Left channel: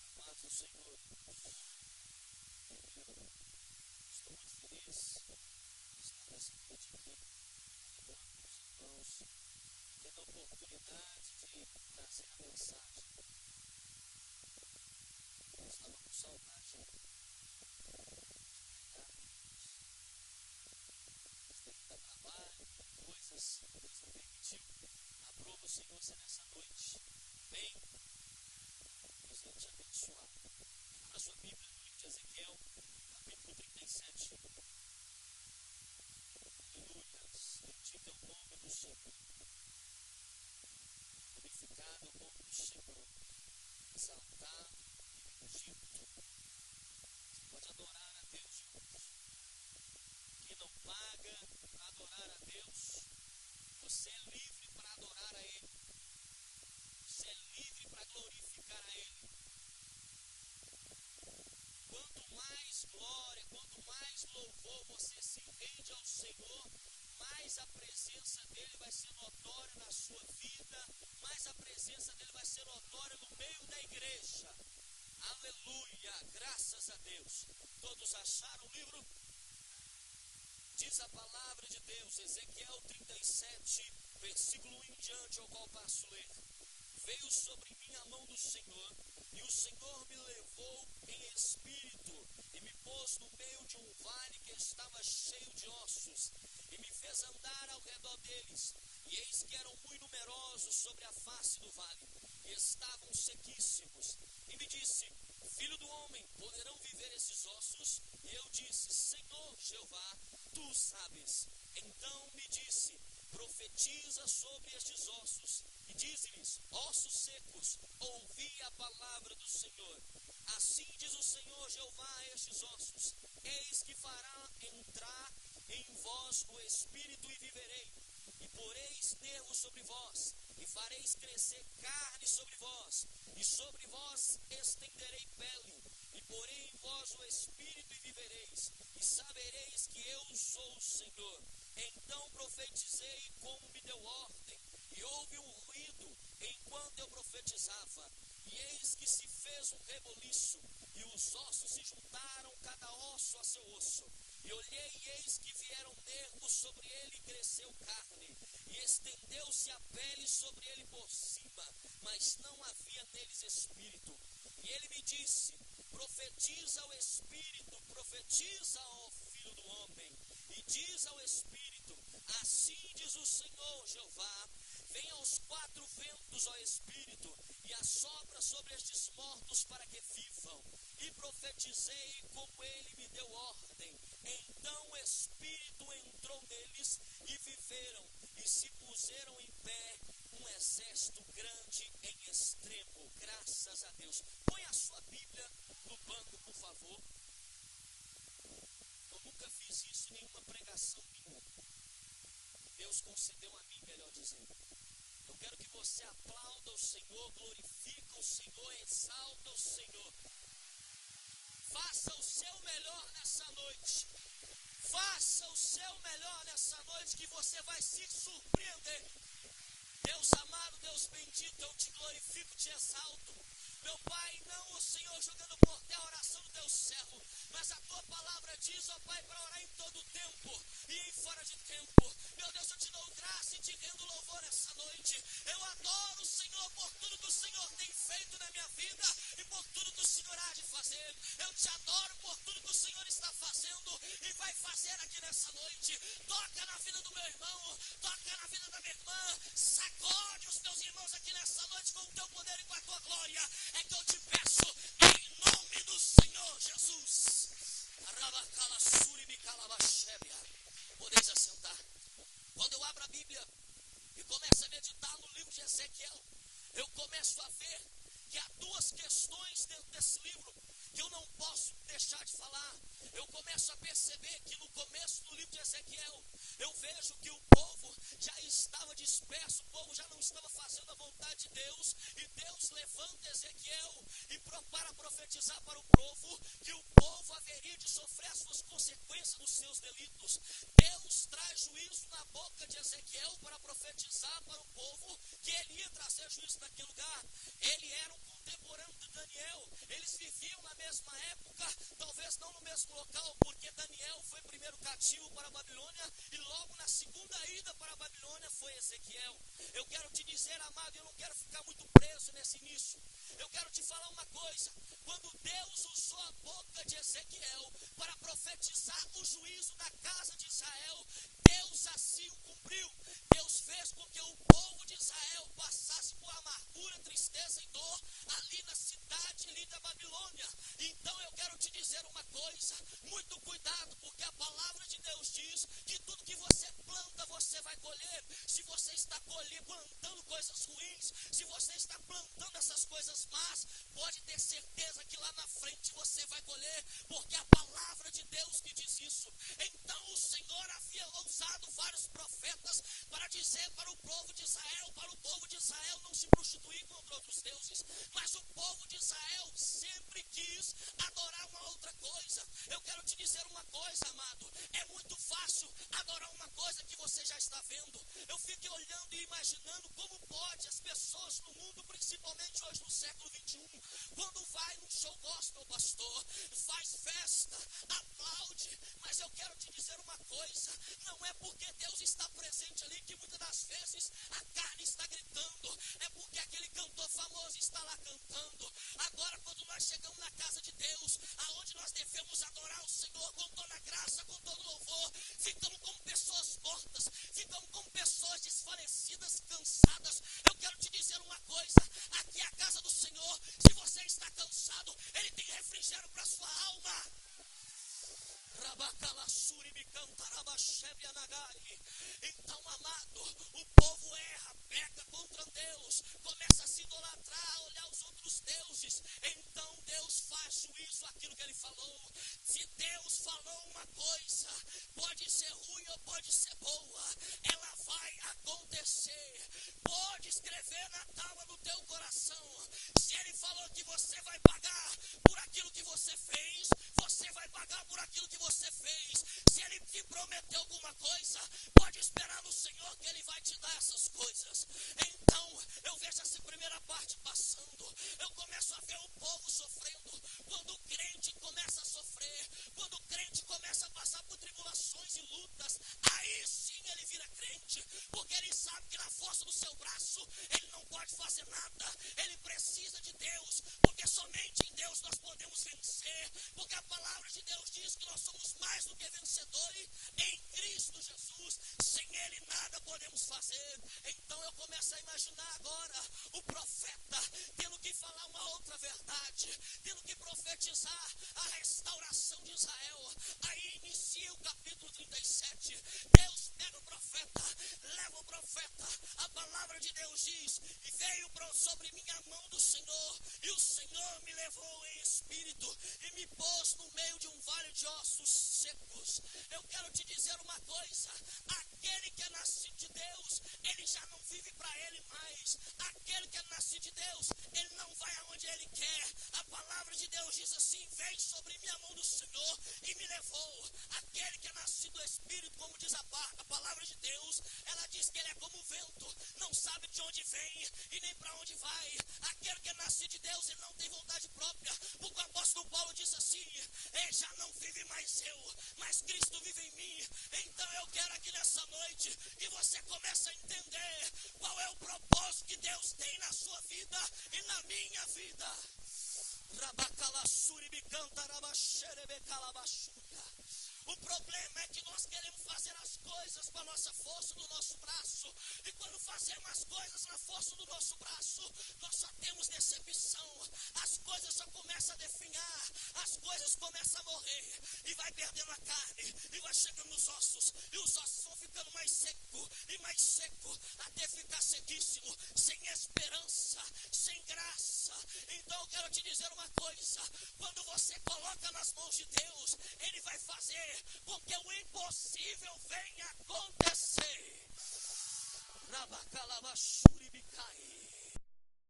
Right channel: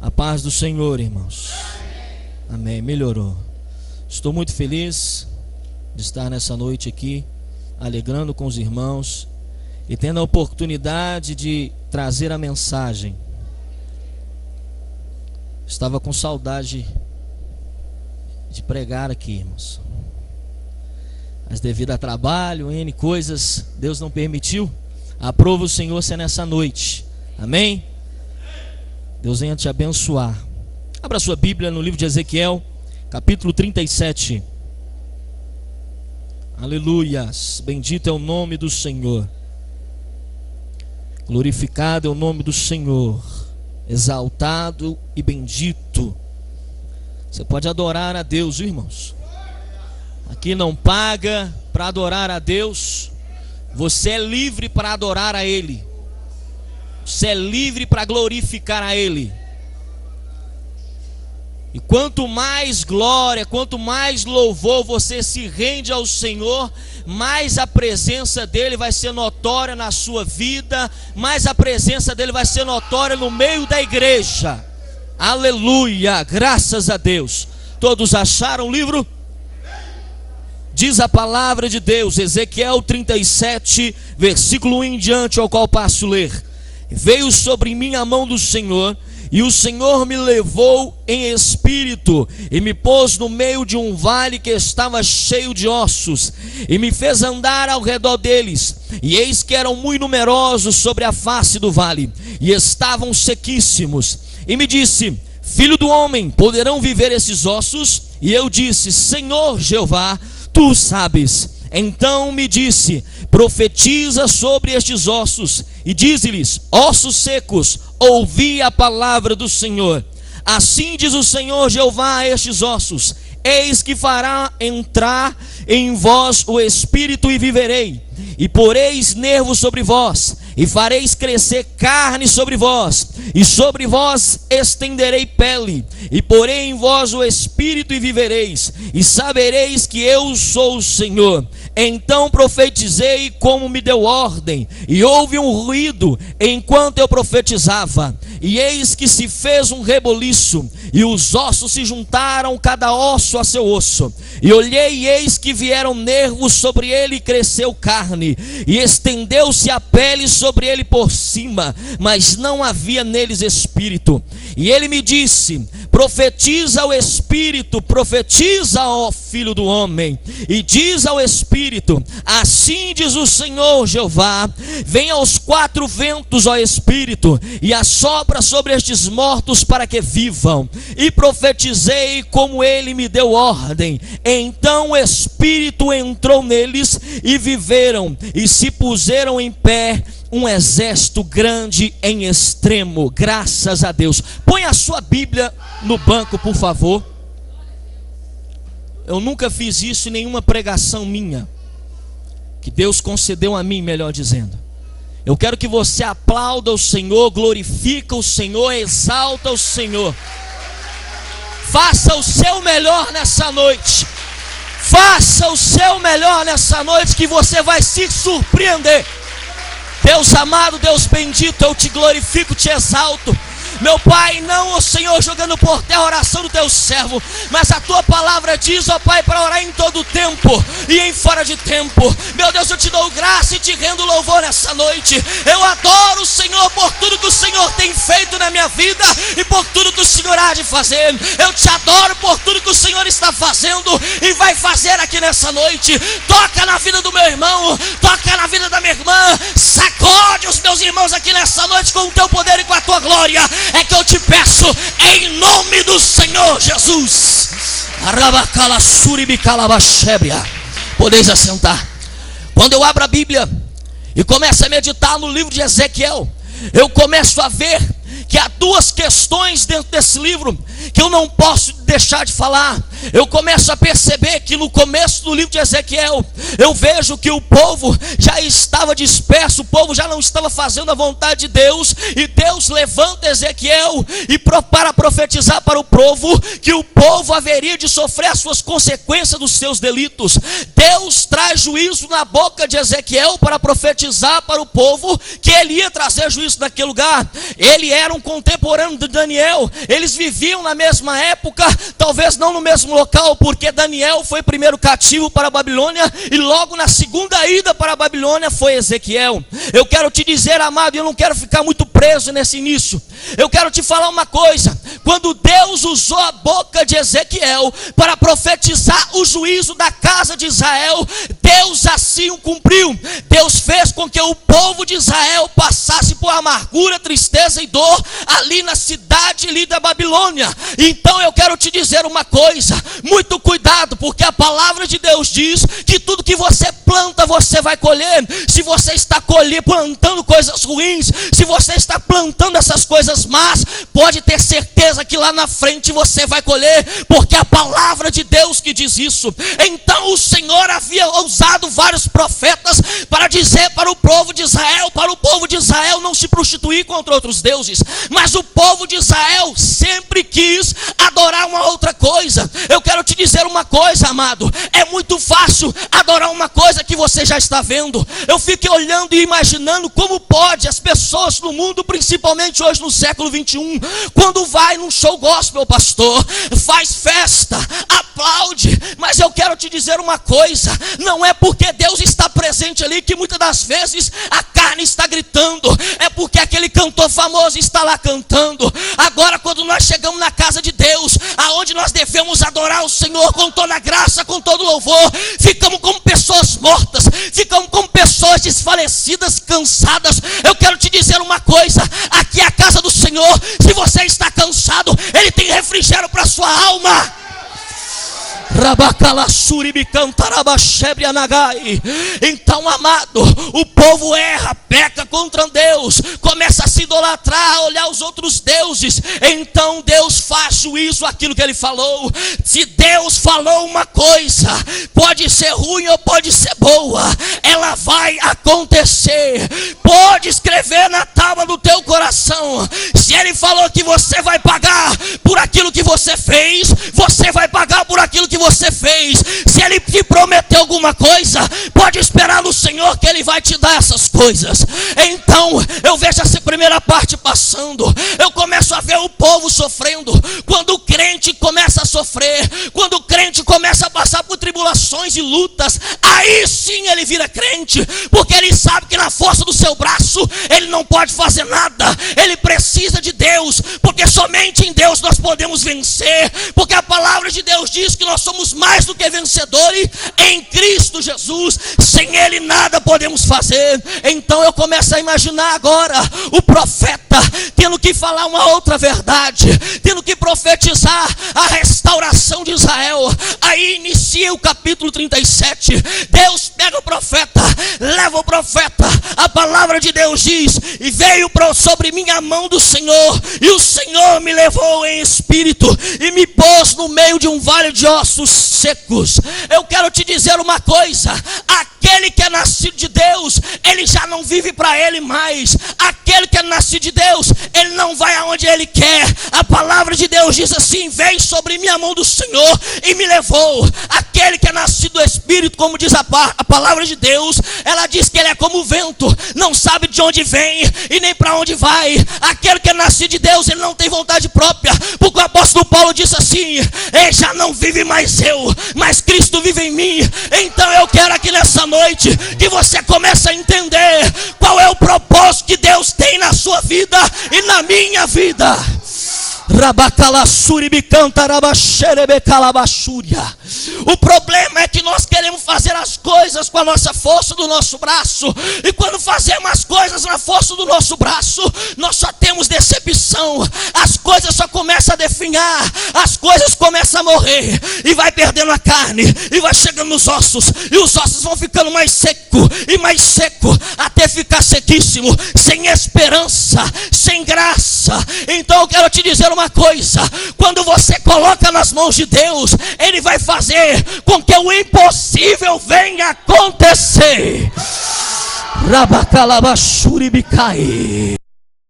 A paz do Senhor, irmãos. Amém. Melhorou. Estou muito feliz de estar nessa noite aqui, alegrando com os irmãos e tendo a oportunidade de trazer a mensagem. Estava com saudade de pregar aqui, irmãos, mas devido a trabalho, N coisas, Deus não permitiu. Aprova o Senhor ser nessa noite. Amém? Deus venha te abençoar. Abra sua Bíblia no livro de Ezequiel, capítulo 37. Aleluias. Bendito é o nome do Senhor. Glorificado é o nome do Senhor. Exaltado e bendito. Você pode adorar a Deus, irmãos. Aqui não paga para adorar a Deus. Você é livre para adorar a Ele. Você é livre para glorificar a Ele. E quanto mais glória, quanto mais louvor você se rende ao Senhor, mais a presença dEle vai ser notória na sua vida, mais a presença dEle vai ser notória no meio da igreja. Aleluia, graças a Deus. Todos acharam o livro? Diz a palavra de Deus, Ezequiel 37, versículo 1 em diante, ao qual passo a ler. Veio sobre mim a mão do Senhor, e o Senhor me levou em espírito, e me pôs no meio de um vale que estava cheio de ossos, e me fez andar ao redor deles, e eis que eram muito numerosos sobre a face do vale, e estavam sequíssimos. E me disse: filho do homem, poderão viver esses ossos? E eu disse: Senhor Jeová, tu sabes. Então me disse: profetiza sobre estes ossos, e dize-lhes: ossos secos, ouvi a palavra do Senhor. Assim diz o Senhor Jeová a estes ossos: eis que fará entrar em vós o espírito e viverei, e poreis nervos sobre vós, e fareis crescer carne sobre vós, e sobre vós estenderei pele, e porei em vós o espírito e vivereis, e sabereis que eu sou o Senhor. Então profetizei como me deu ordem, e houve um ruído enquanto eu profetizava, e eis que se fez um reboliço, e os ossos se juntaram, cada osso a seu osso. E olhei, e eis que vieram nervos sobre ele, e cresceu carne, e estendeu-se a pele sobre ele por cima, mas não havia neles espírito. E ele me disse: profetiza ao espírito, profetiza, ó filho do homem, e diz ao espírito: assim diz o Senhor Jeová, vem aos quatro ventos, ó espírito, e assopra sobre estes mortos para que vivam. E profetizei como ele me deu ordem. Então o espírito entrou neles, e viveram, e se puseram em pé um exército grande em extremo. Graças a Deus. Põe a sua Bíblia no banco, por favor. Eu nunca fiz isso em nenhuma pregação minha, que Deus concedeu a mim, melhor dizendo. Eu quero que você aplauda o Senhor, glorifica o Senhor, exalta o Senhor. Faça o seu melhor nessa noite. Faça o seu melhor nessa noite, que você vai se surpreender. Deus amado, Deus bendito, eu te glorifico, te exalto. Meu Pai, não, ó Senhor, jogando por terra a oração do teu servo, mas a tua palavra diz, ó Pai, para orar em todo tempo e em fora de tempo. Meu Deus, eu te dou graça e te rendo louvor nessa noite. Eu adoro o Senhor por tudo que o Senhor tem feito na minha vida e por tudo que o Senhor há de fazer. Eu te adoro por tudo que o Senhor está fazendo e vai fazer aqui nessa noite. Toca na vida do meu irmão, toca na vida da minha irmã, sacode os meus irmãos aqui nessa noite com o teu poder e com a tua glória. É que eu te peço em nome do Senhor Jesus. Podeis assentar. Quando eu abro a Bíblia e começo a meditar no livro de Ezequiel, eu começo a ver que há duas questões dentro desse livro que eu não posso deixar de falar. Eu começo a perceber que no começo do livro de Ezequiel, eu vejo que o povo já estava disperso, o povo já não estava fazendo a vontade de Deus, e Deus levanta Ezequiel para profetizar para o povo que o povo haveria de sofrer as suas consequências dos seus delitos. Deus traz juízo na boca de Ezequiel para profetizar para o povo que ele ia trazer juízo naquele lugar. Ele era um contemporâneo de Daniel, eles viviam na mesma época, talvez não no mesmo local, porque Daniel foi primeiro cativo para a Babilônia, e logo na segunda ida para a Babilônia foi Ezequiel. Eu quero te dizer, amado, e eu não quero ficar muito preso nesse início, eu quero te falar uma coisa: quando Deus usou a boca de Ezequiel para profetizar o juízo da casa de Israel, Deus assim o cumpriu. Deus fez com que o povo de Israel passasse por amargura, tristeza e dor ali na cidade ali da Babilônia. Então eu quero te dizer uma coisa: muito cuidado, porque a palavra de Deus diz que tudo que você planta você vai colher. Se você está plantando coisas ruins, se você está plantando essas coisas más, pode ter certeza que lá na frente você vai colher, porque a palavra de Deus que diz isso. Então o Senhor havia usado vários profetas para dizer para o povo de Israel não se prostituir contra outros deuses, mas o povo de Israel sempre quis adorar uma outra coisa. Eu quero te dizer uma coisa, amado: é muito fácil adorar uma coisa que você já está vendo. Eu fico olhando e imaginando como pode as pessoas no mundo, principalmente hoje no século 21, quando vai num show gospel, pastor, faz festa, aplaude, mas eu quero te dizer uma coisa: não é porque Deus está presente ali que muitas das vezes a carne está gritando, é porque aquele cantor famoso está lá cantando. Agora, quando nós chegamos na casa de Deus, aonde nós devemos adorar o Senhor com toda a graça, com todo louvor, ficamos como pessoas mortas, ficamos como pessoas desfalecidas, cansadas. Eu quero te dizer uma coisa: aqui é a casa do Senhor. Se você está cansado, Ele tem refrigério para a sua alma. Então, amado, o povo erra, peca contra Deus, começa a se idolatrar, a olhar os outros deuses. Então Deus faz juízo àquilo que Ele falou. Se Deus falou uma coisa, pode ser ruim ou pode ser boa, ela vai acontecer. Pode escrever na tábua do teu coração: se Ele falou que você vai pagar por aquilo que você fez, você vai pagar por aquilo que você fez. Se Ele te prometeu alguma coisa, pode esperar no Senhor que Ele vai te dar essas coisas. Então eu vejo essa primeira parte passando, eu começo a ver o povo sofrendo. Quando o crente começa a sofrer, quando o crente começa a passar por tribulações e lutas, aí sim ele vira crente, porque ele sabe que na força do seu braço ele não pode fazer nada. Ele precisa de Deus, porque somente em Deus nós podemos vencer, porque a palavra de Deus diz que nós somos mais do que vencedores em Cristo Jesus. Sem Ele nada podemos fazer. Então eu começo a imaginar agora o profeta tendo que falar uma outra verdade, tendo que profetizar a restauração de Israel. Aí inicia o capítulo 37. Deus pega o profeta, leva o profeta. A palavra de Deus diz: e veio sobre mim a mão do Senhor, e o Senhor me levou em espírito e me pôs no meio de um vale de ossos secos. Eu quero te dizer uma coisa: aquele que é nascido de Deus, ele já não vive para ele mais. Aquele que é nascido de Deus, ele não vai aonde ele quer. A palavra de Deus diz assim: veio sobre mim a mão do Senhor e me levou. Aquele que é nascido do Espírito, como diz a palavra de Deus, ela diz que ele é como o vento, não sabe de onde vem e nem para onde vai. Aquele que é nascido de Deus, ele não tem vontade própria, porque o apóstolo Paulo disse assim: já não vive mais eu, mas Cristo vive em mim. Então eu quero aqui nessa noite que você comece a entender qual é o propósito que Deus tem na sua vida e na minha vida. O problema é que nós queremos fazer as coisas com a nossa força do nosso braço, e quando fazemos as coisas na força do nosso braço, nós só temos decepção. As coisas só começam a definhar, as coisas começam a morrer, e vai perdendo a carne, e vai chegando nos ossos, e os ossos vão ficando mais seco e mais seco, até ficar sequíssimo, sem esperança, sem graça. Então eu quero te dizer uma coisa: quando você coloca nas mãos de Deus, Ele vai fazer com que o impossível venha acontecer. Rabacalabashuribicai.